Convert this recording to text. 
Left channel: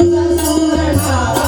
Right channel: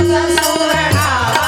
ಸುರಣ